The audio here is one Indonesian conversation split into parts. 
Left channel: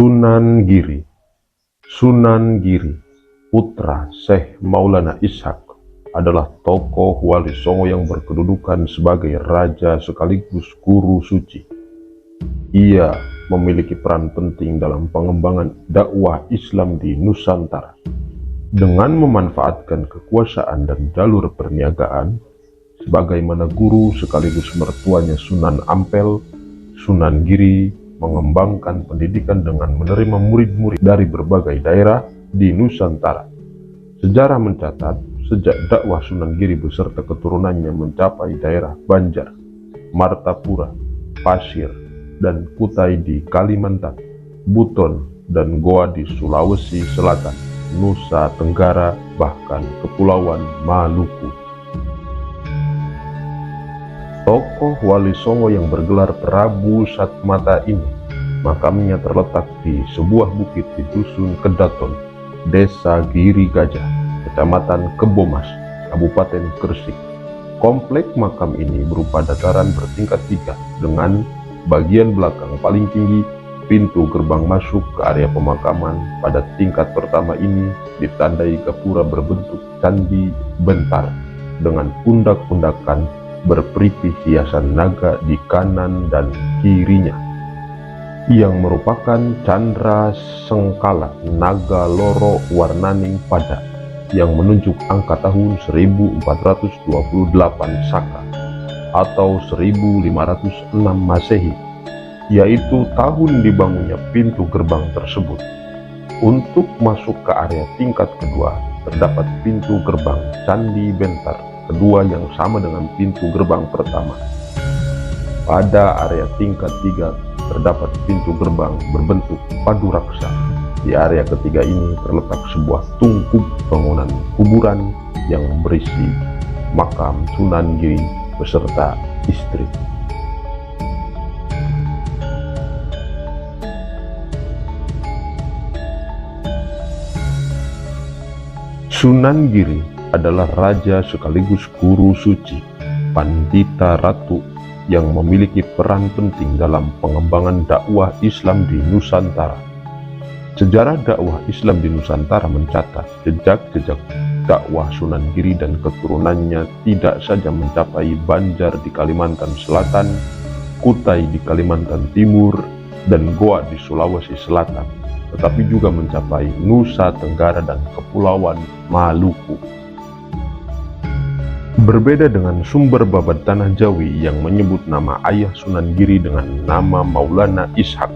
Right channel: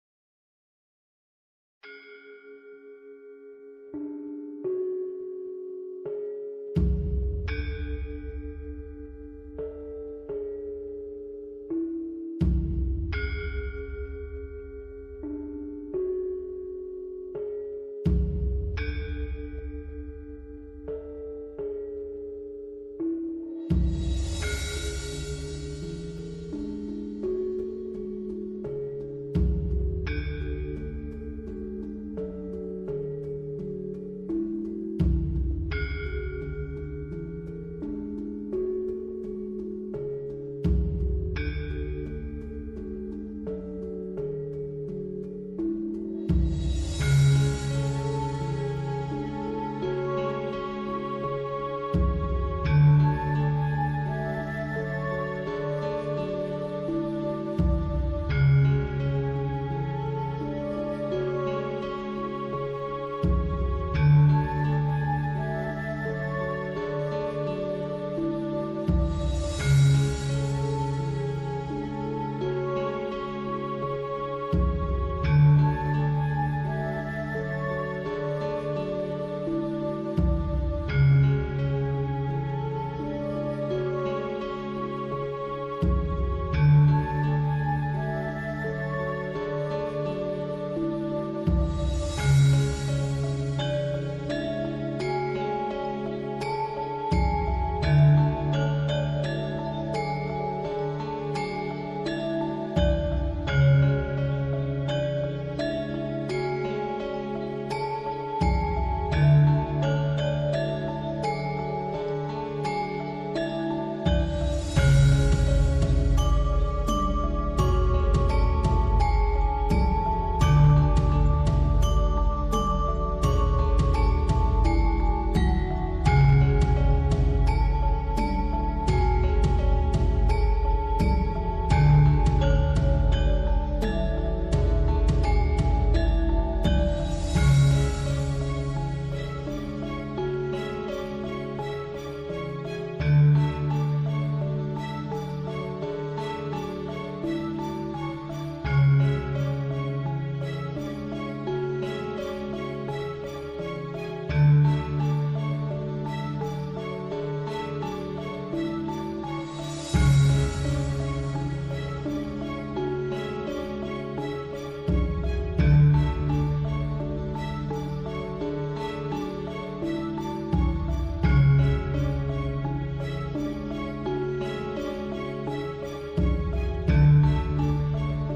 Sunan Giri. Sunan Giri, putra Syekh Maulana Ishaq, adalah tokoh Wali Songo yang berkedudukan sebagai raja sekaligus guru suci. Ia memiliki peran penting dalam pengembangan dakwah Islam di Nusantara. Dengan memanfaatkan kekuasaan dan jalur perniagaan, sebagaimana guru sekaligus mertuanya Sunan Ampel, Sunan Giri mengembangkan pendidikan dengan menerima murid-murid dari berbagai daerah di Nusantara. Sejarah mencatat, sejak dakwah Sunan Giri beserta keturunannya mencapai daerah Banjar, Martapura, Pasir, dan Kutai di Kalimantan, Buton, dan Goa di Sulawesi Selatan, Nusa Tenggara, bahkan Kepulauan Maluku. Tokoh Wali Songo yang bergelar Prabu Satmata ini, makamnya terletak di sebuah bukit di Dusun Kedaton, Desa Giri Gajah, Kecamatan Kebomas, Kabupaten Gresik. Komplek makam ini berupa dataran bertingkat 3 dengan bagian belakang paling tinggi. Pintu gerbang masuk ke area pemakaman pada tingkat pertama ini ditandai gapura berbentuk candi bentar dengan pundak-pundakan berperigi hiasan naga di kanan dan kirinya, yang merupakan candra sengkala naga loro warnaning pada yang menunjuk angka tahun 1428 Saka atau 1506 Masehi, yaitu tahun dibangunnya pintu gerbang tersebut. Untuk masuk ke area tingkat kedua, terdapat pintu gerbang Candi Bentar kedua yang sama dengan pintu gerbang pertama. Pada area tingkat 3, terdapat pintu gerbang berbentuk padu raksa. Di area ketiga ini terletak sebuah tungku bangunan kuburan yang berisi makam Sunan Giri beserta istri. Sunan Giri adalah raja sekaligus guru suci, pandita ratu yang memiliki peran penting dalam pengembangan dakwah Islam di Nusantara. Sejarah dakwah Islam di Nusantara mencatat jejak-jejak dakwah Sunan Giri dan keturunannya tidak saja mencapai Banjar di Kalimantan Selatan, Kutai di Kalimantan Timur, dan Goa di Sulawesi Selatan, tetapi juga mencapai Nusa Tenggara dan Kepulauan Maluku. Berbeda dengan sumber babat Tanah Jawi yang menyebut nama ayah Sunan Giri dengan nama Maulana Ishaq,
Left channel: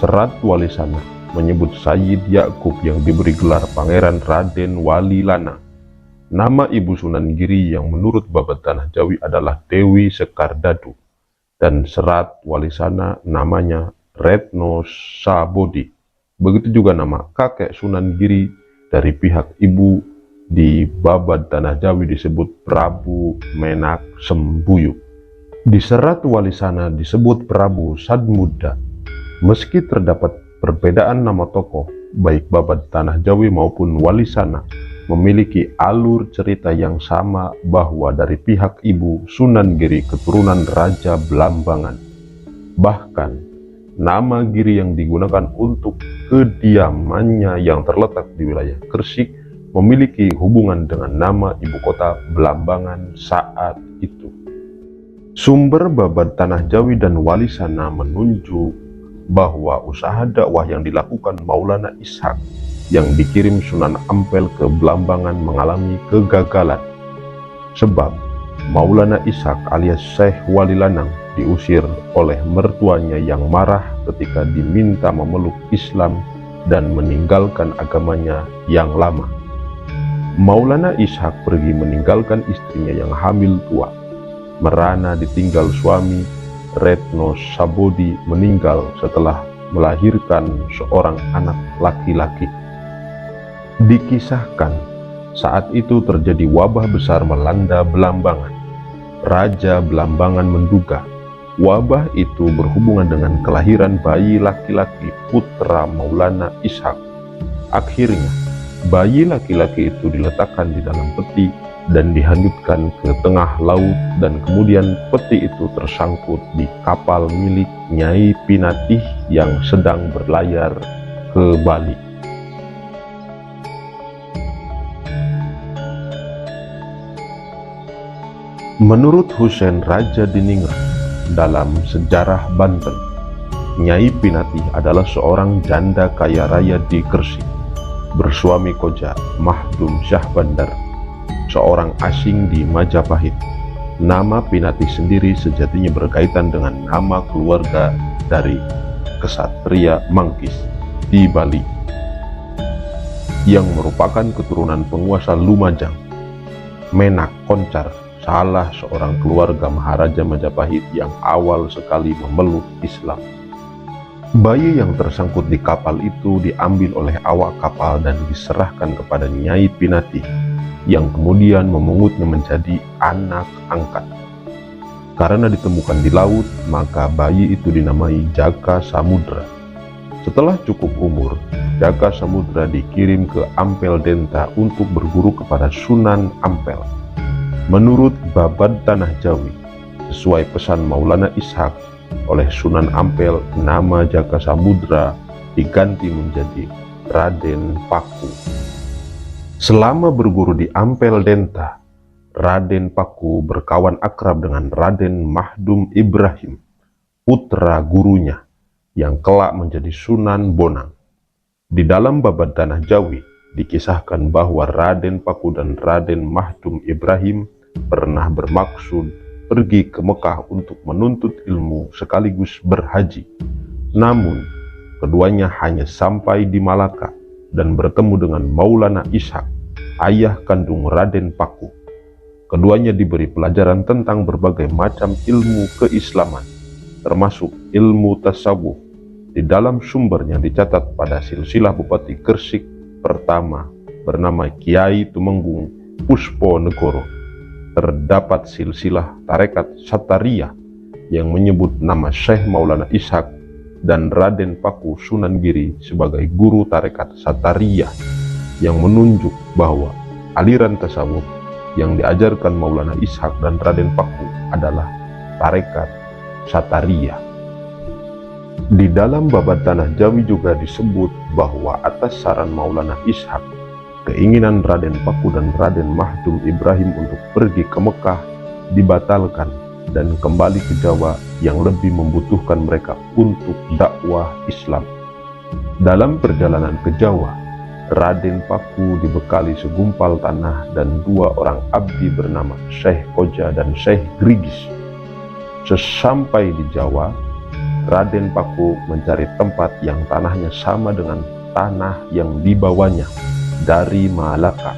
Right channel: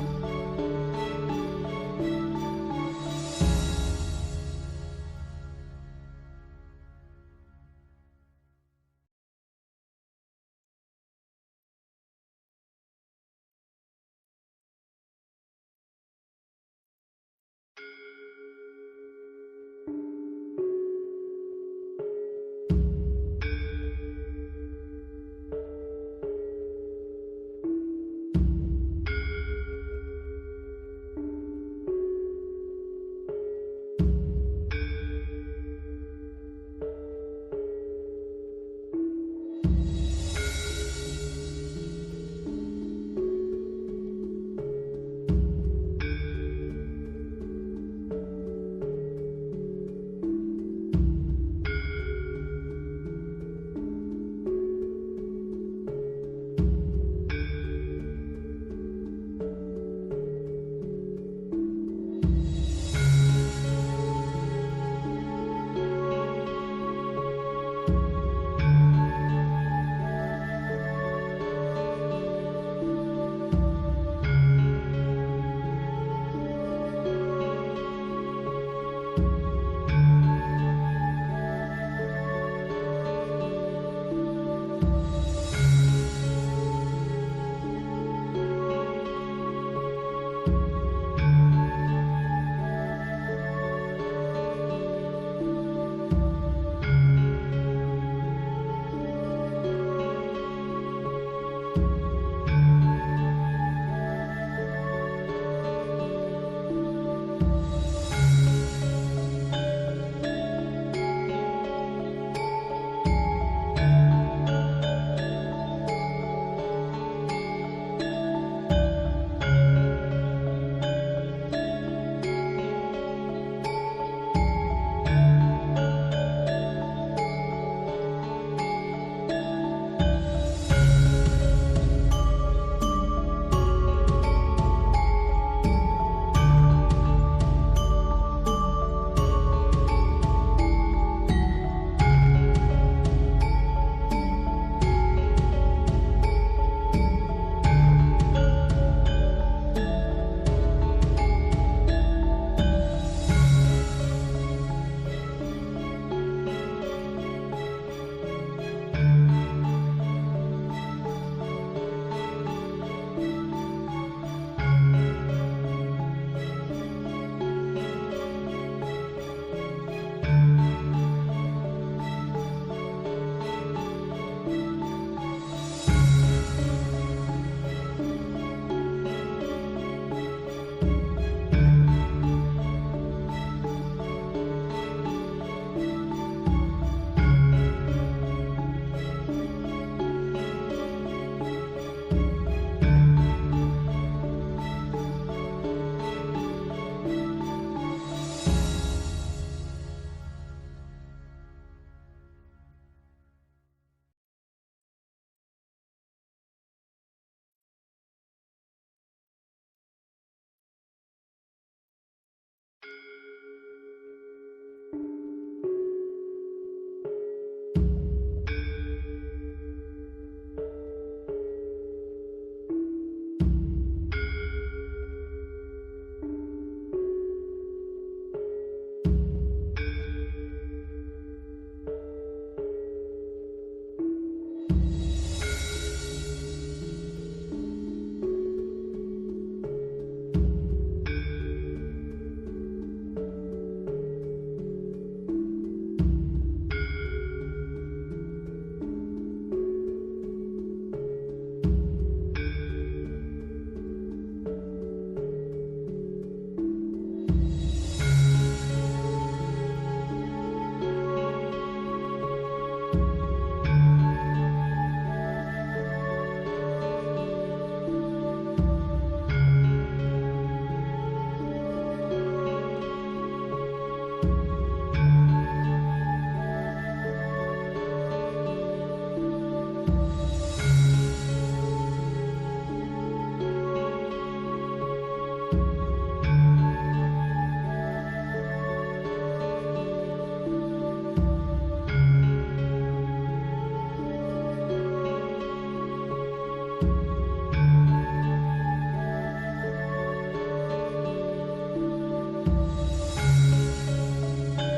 Serat Wali Sana menyebut Sayyid Yakub yang diberi gelar Pangeran Raden Wali Lana. Nama ibu Sunan Giri yang menurut babat Tanah Jawi adalah Dewi Sekardadu, dan Serat Wali Sana namanya Retno Sabodi. Begitu juga nama kakek Sunan Giri dari pihak ibu di babat Tanah Jawi disebut Prabu Menak Sembuyuk. Di Serat Wali Sana disebut Prabu Sadmuda. Meski terdapat perbedaan nama tokoh, baik babat Tanah Jawi maupun Wali Sana memiliki alur cerita yang sama bahwa dari pihak ibu Sunan Giri keturunan Raja Blambangan. Bahkan nama Giri yang digunakan untuk kediamannya yang terletak di wilayah Gresik memiliki hubungan dengan nama ibu kota Blambangan saat itu. Sumber babat Tanah Jawi dan Wali Sana menunjuk bahwa usaha dakwah yang dilakukan Maulana Ishaq yang dikirim Sunan Ampel ke Blambangan mengalami kegagalan, sebab Maulana Ishaq alias Syekh Wali Lanang diusir oleh mertuanya yang marah ketika diminta memeluk Islam dan meninggalkan agamanya yang lama. Maulana Ishaq pergi meninggalkan istrinya yang hamil tua. Merana ditinggal suami. Retno Sabodi meninggal setelah melahirkan seorang anak laki-laki. Dikisahkan saat itu terjadi wabah besar melanda Blambangan. Raja Blambangan menduga wabah itu berhubungan dengan kelahiran bayi laki-laki putra Maulana Ishaq. Akhirnya Bayi laki-laki itu diletakkan di dalam peti dan dihanyutkan ke tengah laut, dan kemudian peti itu tersangkut di kapal milik Nyai Pinatih yang sedang berlayar ke Bali. Menurut Husein Raja Diningrat dalam Sejarah Banten, Nyai Pinatih adalah seorang janda kaya raya di Gresik, bersuami koja Mahdum Syah Bandar, seorang asing di Majapahit. Nama Pinatih sendiri sejatinya berkaitan dengan nama keluarga dari kesatria Manggis di Bali, yang merupakan keturunan penguasa Lumajang. Menak Koncar, salah seorang keluarga Maharaja Majapahit yang awal sekali memeluk Islam. Bayi yang tersangkut di kapal itu diambil oleh awak kapal dan diserahkan kepada Nyai Pinatih, yang kemudian memungutnya menjadi anak angkat. Karena ditemukan di laut, maka bayi itu dinamai Jaka Samudra. Setelah cukup umur, Jaka Samudra dikirim ke Ampel Denta untuk berguru kepada Sunan Ampel. Menurut Babad Tanah Jawi, sesuai pesan Maulana Ishak, oleh Sunan Ampel, nama Jaka Samudra diganti menjadi Raden Paku. Selama berguru di Ampel Denta, Raden Paku berkawan akrab dengan Raden Mahdum Ibrahim, putra gurunya, yang kelak menjadi Sunan Bonang. Di dalam Babad Tanah Jawi dikisahkan bahwa Raden Paku dan Raden Mahdum Ibrahim pernah bermaksud pergi ke Mekah untuk menuntut ilmu sekaligus berhaji. Namun, keduanya hanya sampai di Malaka dan bertemu dengan Maulana Ishak, ayah kandung Raden Paku. Keduanya diberi pelajaran tentang berbagai macam ilmu keislaman, termasuk ilmu tasawuf. Di dalam sumbernya dicatat pada silsilah Bupati Gresik pertama bernama Kiai Tumenggung Puspo Negoro, terdapat silsilah tarekat Sataria yang menyebut nama Syekh Maulana Ishak dan Raden Paku Sunan Giri sebagai guru tarekat Sataria, yang menunjuk bahwa aliran tasawuf yang diajarkan Maulana Ishak dan Raden Paku adalah tarekat Sataria. Di dalam Babad Tanah Jawi juga disebut bahwa atas saran Maulana Ishak, keinginan Raden Paku dan Raden Mahdum Ibrahim untuk pergi ke Mekah dibatalkan dan kembali ke Jawa yang lebih membutuhkan mereka untuk dakwah Islam. Dalam perjalanan ke Jawa, Raden Paku dibekali segumpal tanah dan 2 orang abdi bernama Syekh Koja dan Syekh Grigis. Sesampai di Jawa, Raden Paku mencari tempat yang tanahnya sama dengan tanah yang dibawanya dari Malaka.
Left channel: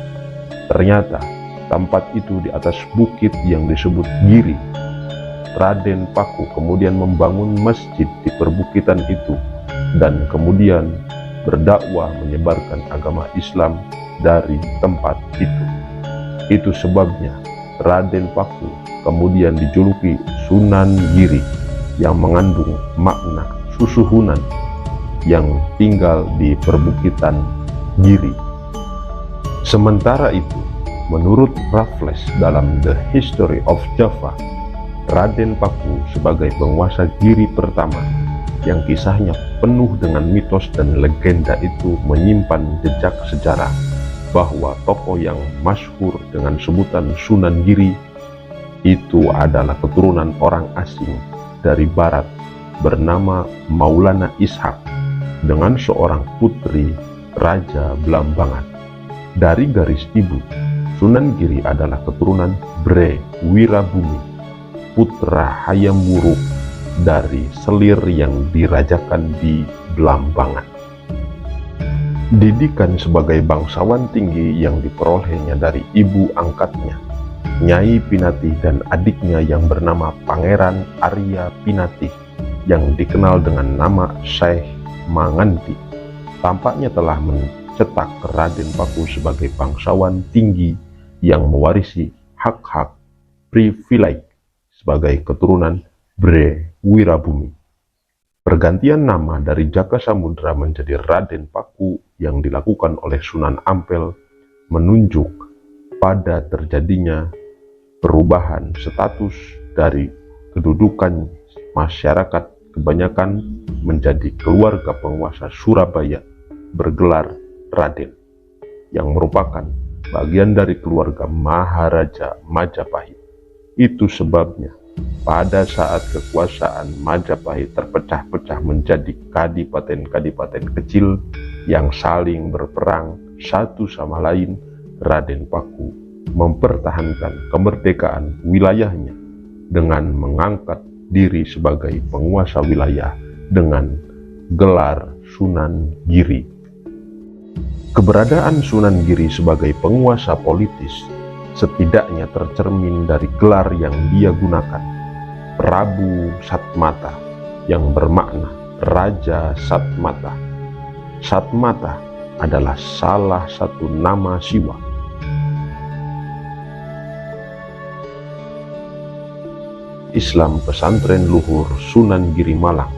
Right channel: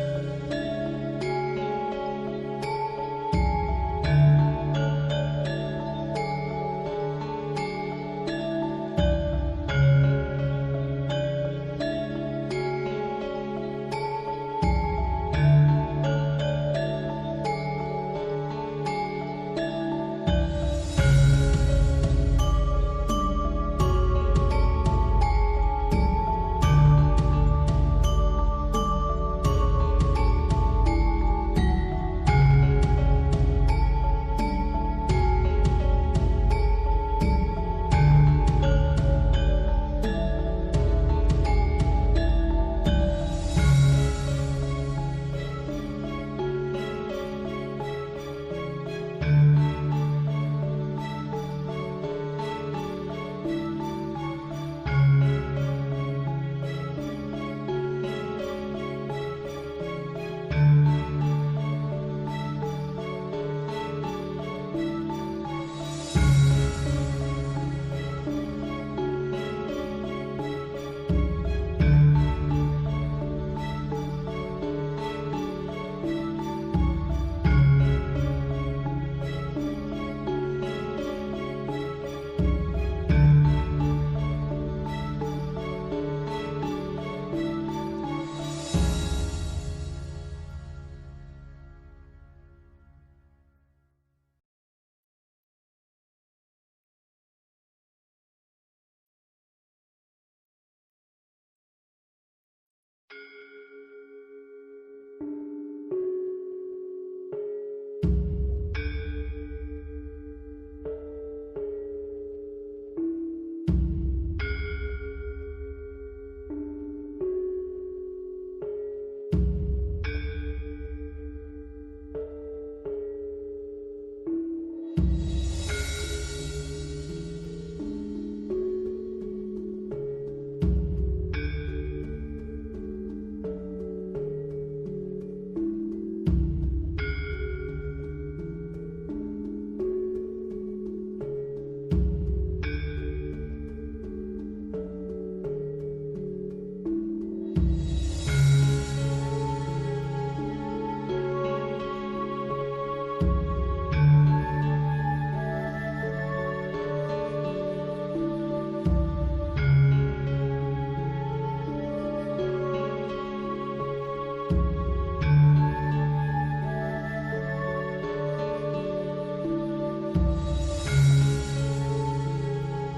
Ternyata tempat itu di atas bukit yang disebut Giri. Raden Paku kemudian membangun masjid di perbukitan itu dan kemudian berdakwah menyebarkan agama Islam dari tempat itu. Itu sebabnya Raden Paku kemudian dijuluki Sunan Giri, yang mengandung makna susuhunan yang tinggal di perbukitan Giri. Sementara itu, menurut Raffles dalam The History of Java, Raden Paku sebagai penguasa Giri pertama, yang kisahnya penuh dengan mitos dan legenda itu, menyimpan jejak sejarah bahwa tokoh yang masyhur dengan sebutan Sunan Giri itu adalah keturunan orang asing dari barat bernama Maulana Ishak dengan seorang putri Raja Blambangan. Dari garis ibu, Sunan Giri adalah keturunan Bre Wirabumi, putra Hayam Wuruk dari selir yang dirajakan di Blambangan. Didikan sebagai bangsawan tinggi yang diperolehnya dari ibu angkatnya, Nyai Pinatih, dan adiknya yang bernama Pangeran Arya Pinatih yang dikenal dengan nama Syekh Manganti, tampaknya telah mencetak Raden Paku sebagai bangsawan tinggi yang mewarisi hak-hak privilege sebagai keturunan Bre Wirabumi. Pergantian nama dari Jaka Samudra menjadi Raden Paku yang dilakukan oleh Sunan Ampel menunjuk pada terjadinya perubahan status dari kedudukan masyarakat kebanyakan menjadi keluarga penguasa Surabaya bergelar Raden, yang merupakan bagian dari keluarga Maharaja Majapahit. Itu sebabnya pada saat kekuasaan Majapahit terpecah-pecah menjadi kadipaten-kadipaten kecil yang saling berperang satu sama lain, Raden Paku mempertahankan kemerdekaan wilayahnya dengan mengangkat diri sebagai penguasa wilayah dengan gelar Sunan Giri. Keberadaan Sunan Giri sebagai penguasa politis setidaknya tercermin dari gelar yang dia gunakan, Prabu Satmata, yang bermakna Raja Satmata. Satmata adalah salah satu nama Siwa. Islam pesantren luhur Sunan Giri Malang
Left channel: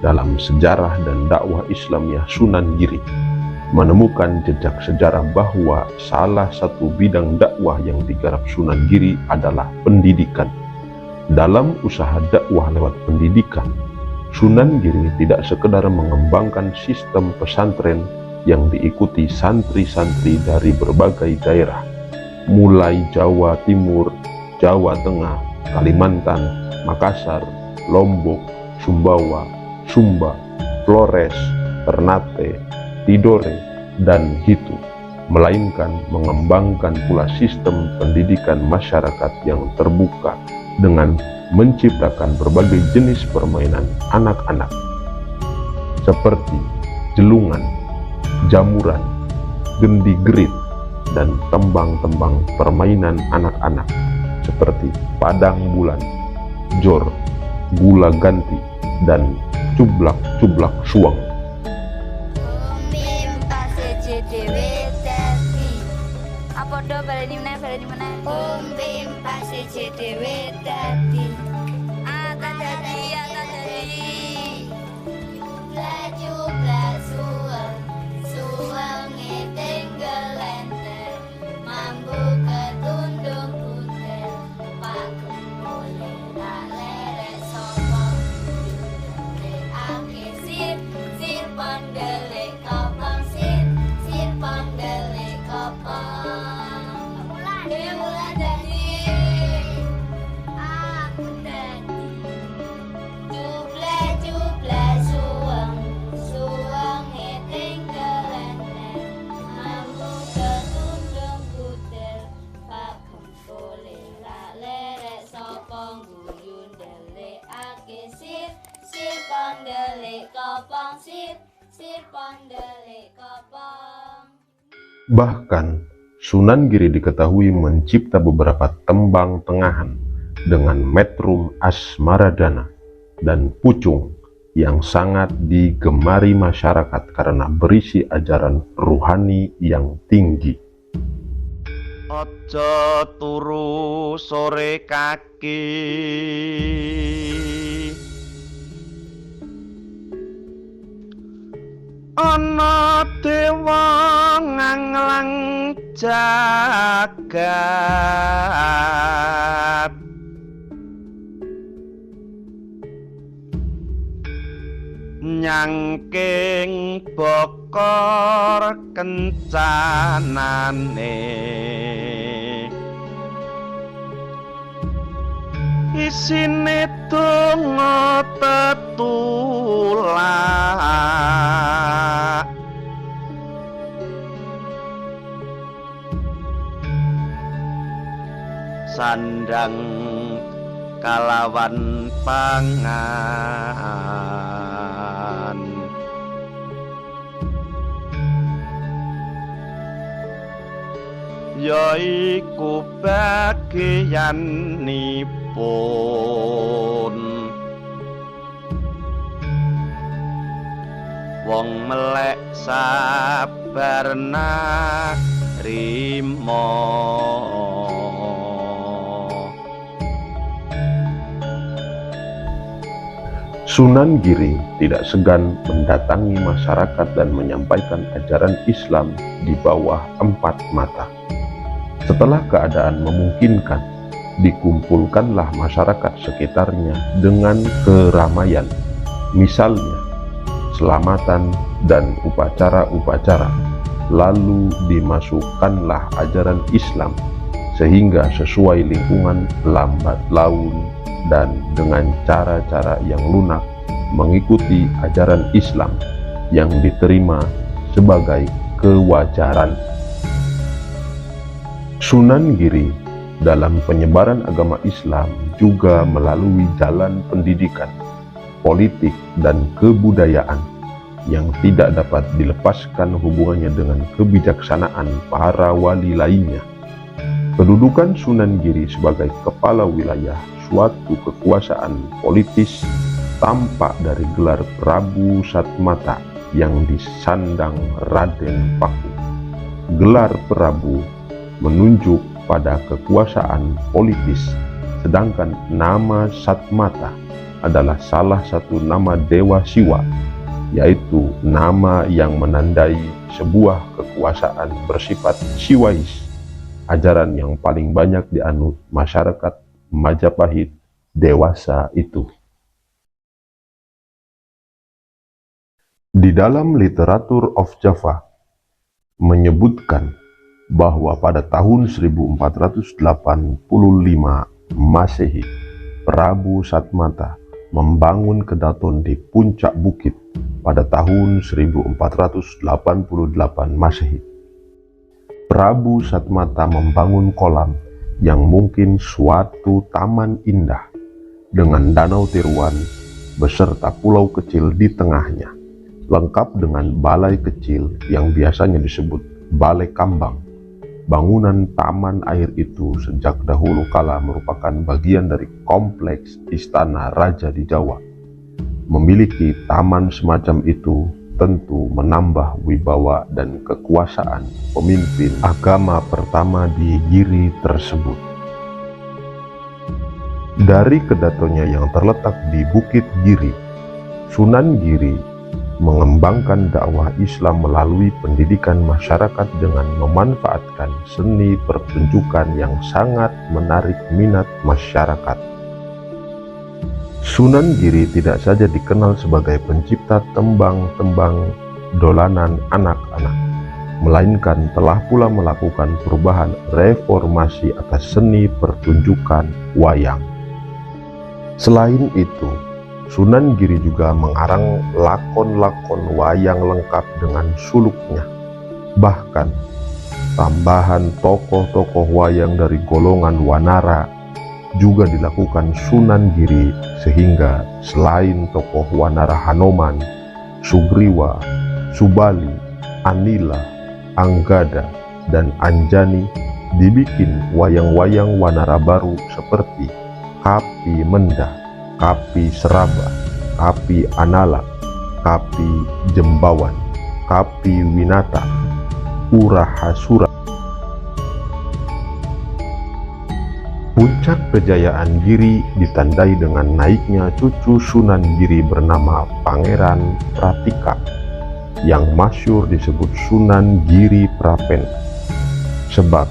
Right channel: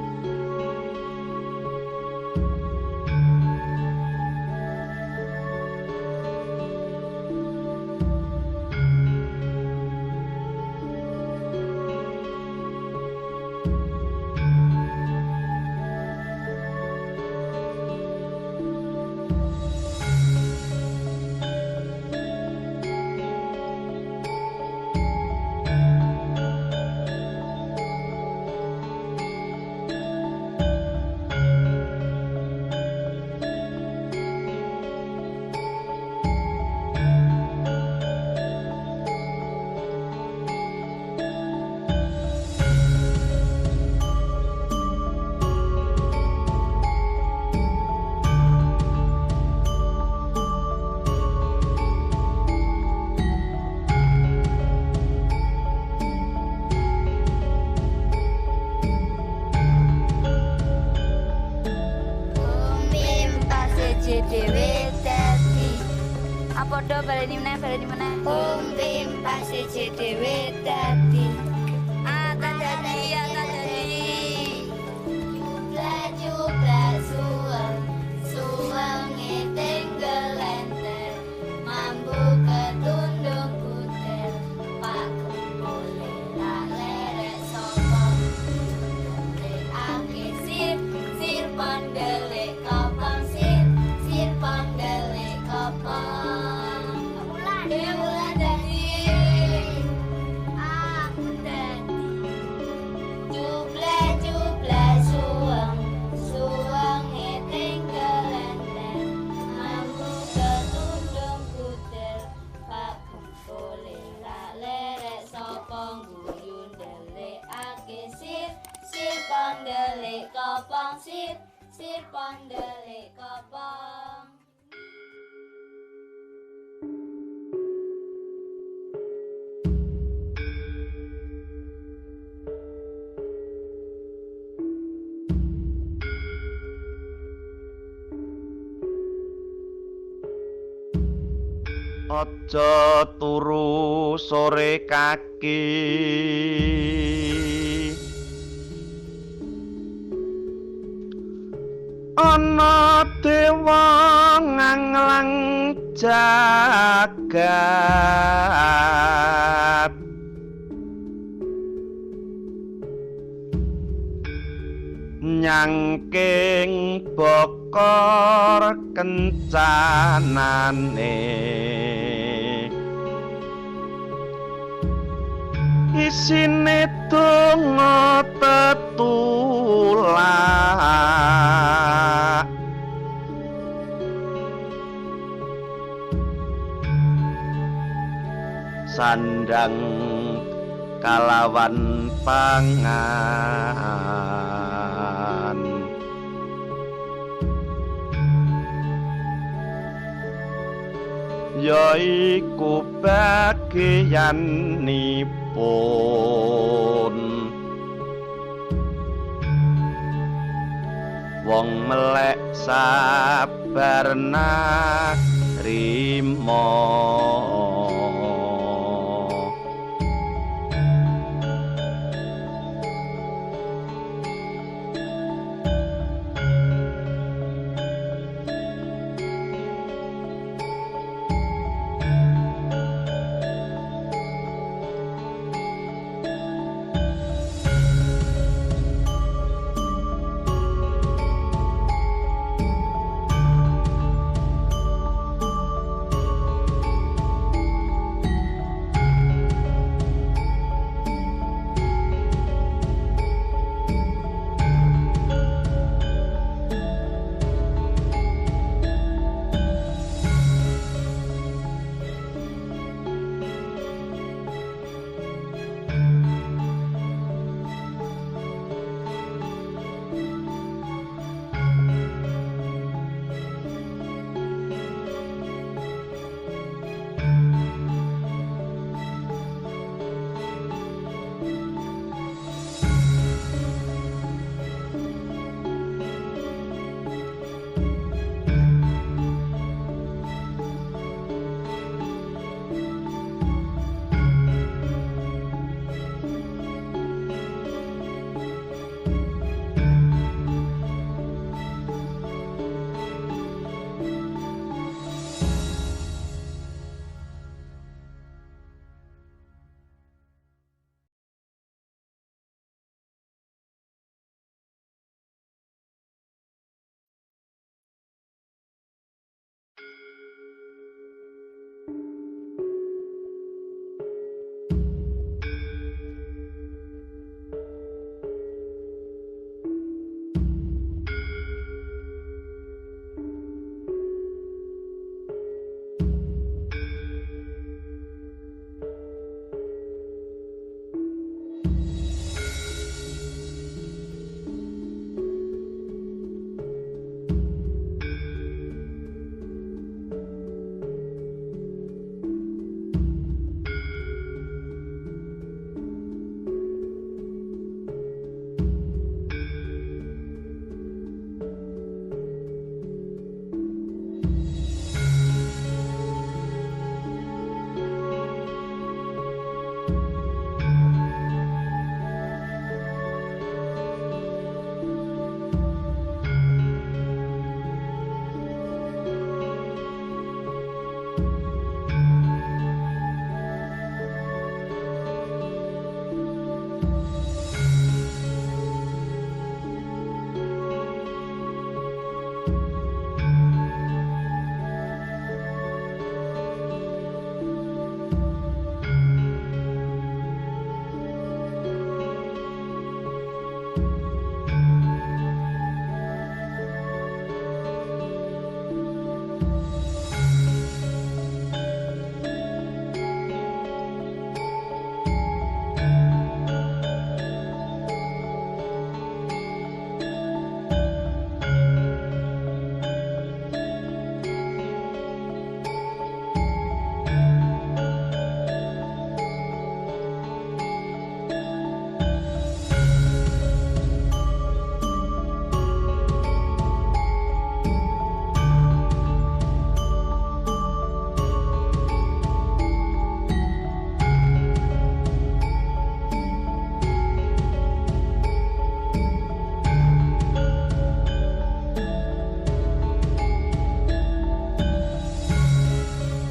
dalam sejarah dan dakwah Islamiyah Sunan Giri menemukan jejak sejarah bahwa salah satu bidang dakwah yang digarap Sunan Giri adalah pendidikan. Dalam usaha dakwah lewat pendidikan, Sunan Giri tidak sekedar mengembangkan sistem pesantren yang diikuti santri-santri dari berbagai daerah, mulai Jawa Timur, Jawa Tengah, Kalimantan, Makassar, Lombok, Sumbawa, Sumba, Flores, Ternate, Tidore, dan Hitu, melainkan mengembangkan pula sistem pendidikan masyarakat yang terbuka dengan menciptakan berbagai jenis permainan anak-anak seperti jelungan, jamuran, gendigrit, dan tembang-tembang permainan anak-anak seperti padang bulan, jor, gula ganti, dan cublak-cublak suang. Apa do baleni meneh Pim pasti dhewe dadi kadadi jubla suwang tengelente mambu ketundung kutel pak kembole ra lerek sapa dule ake sir pandelek kapang sir pandelek kapang Bahkan Sunan Giri diketahui mencipta beberapa tembang tengahan dengan metrum asmaradana dan pucung yang sangat digemari masyarakat karena berisi ajaran ruhani yang tinggi. Aja turu sore kaki, ana dewa nganglang jagat, nyangking bokor kencanane, isine donga tetulak, sandang kalawan pangan, yaiku bagianipun wong melek sabar narima. Sunan Giri tidak segan mendatangi masyarakat dan menyampaikan ajaran Islam di bawah 4 mata. Setelah keadaan memungkinkan, dikumpulkanlah masyarakat sekitarnya dengan keramaian, misalnya selamatan dan upacara-upacara, lalu dimasukkanlah ajaran Islam sehingga sesuai lingkungan lambat laun dan dengan cara-cara yang lunak mengikuti ajaran Islam yang diterima sebagai kewajaran. Sunan Giri dalam penyebaran agama Islam juga melalui jalan pendidikan, politik, dan kebudayaan yang tidak dapat dilepaskan hubungannya dengan kebijaksanaan para wali lainnya. Kedudukan Sunan Giri sebagai kepala wilayah suatu kekuasaan politis tampak dari gelar Prabu Satmata yang disandang Raden Paku. Gelar Prabu menunjuk pada kekuasaan politis, sedangkan nama Satmata adalah salah satu nama Dewa Siwa, yaitu nama yang menandai sebuah kekuasaan bersifat siwais, ajaran yang paling banyak dianut masyarakat Majapahit dewasa itu. Di dalam literatur of Java menyebutkan bahwa pada tahun 1485 Masehi, Prabu Satmata membangun kedaton di puncak bukit pada tahun 1488 Masehi. Prabu Satmata membangun kolam yang mungkin suatu taman indah dengan danau tiruan beserta pulau kecil di tengahnya, lengkap dengan balai kecil yang biasanya disebut Balai Kambang. Bangunan taman air itu sejak dahulu kala merupakan bagian dari kompleks istana raja di Jawa. Memiliki taman semacam itu tentu menambah wibawa dan kekuasaan pemimpin agama pertama di Giri tersebut. Dari kedatonya yang terletak di Bukit Giri, Sunan Giri mengembangkan dakwah Islam melalui pendidikan masyarakat dengan memanfaatkan seni pertunjukan yang sangat menarik minat masyarakat. Sunan Giri tidak saja dikenal sebagai pencipta tembang-tembang dolanan anak-anak, melainkan telah pula melakukan perubahan reformasi atas seni pertunjukan wayang. Selain itu, Sunan Giri juga mengarang lakon-lakon wayang lengkap dengan suluknya. Bahkan, tambahan tokoh-tokoh wayang dari golongan wanara juga dilakukan Sunan Giri, sehingga selain tokoh wanara Hanoman, Sugriwa, Subali, Anila, Anggada, dan Anjani, dibikin wayang-wayang wanara baru seperti Kapi Mendah, Kapi Seraba, Kapi Anala, Kapi Jembawan, Kapi Winata, Urahasura. Puncak kejayaan Giri ditandai dengan naiknya cucu Sunan Giri bernama Pangeran Pratika, yang masyhur disebut Sunan Giri Prapen. Sebab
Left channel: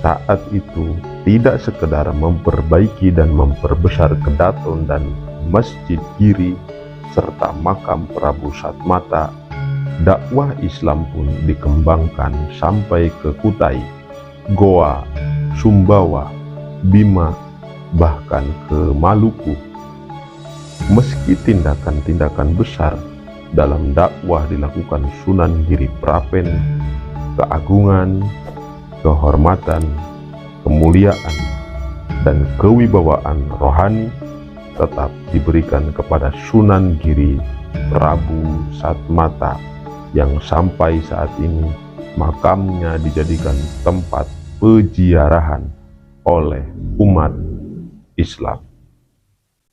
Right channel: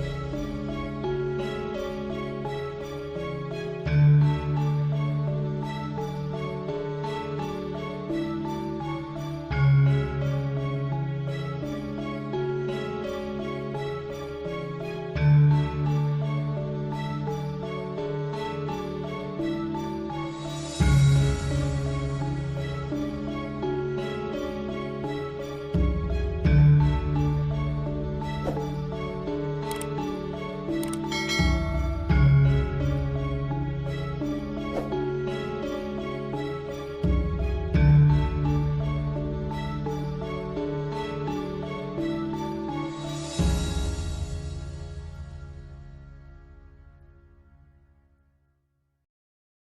saat itu tidak sekedar memperbaiki dan memperbesar kedaton dan Masjid Giri serta makam Prabu Satmata, dakwah Islam pun dikembangkan sampai ke Kutai, Goa, Sumbawa, Bima, bahkan ke Maluku. Meski tindakan-tindakan besar dalam dakwah dilakukan Sunan Giri Prapen, keagungan, kehormatan, kemuliaan, dan kewibawaan rohani tetap diberikan kepada Sunan Giri Prabu Satmata yang sampai saat ini makamnya dijadikan tempat peziarahan oleh umat Islam.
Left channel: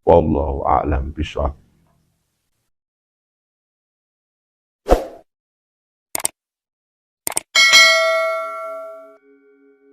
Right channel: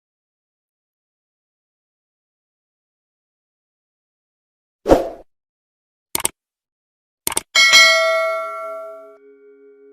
Wallahu a'lam bishawab.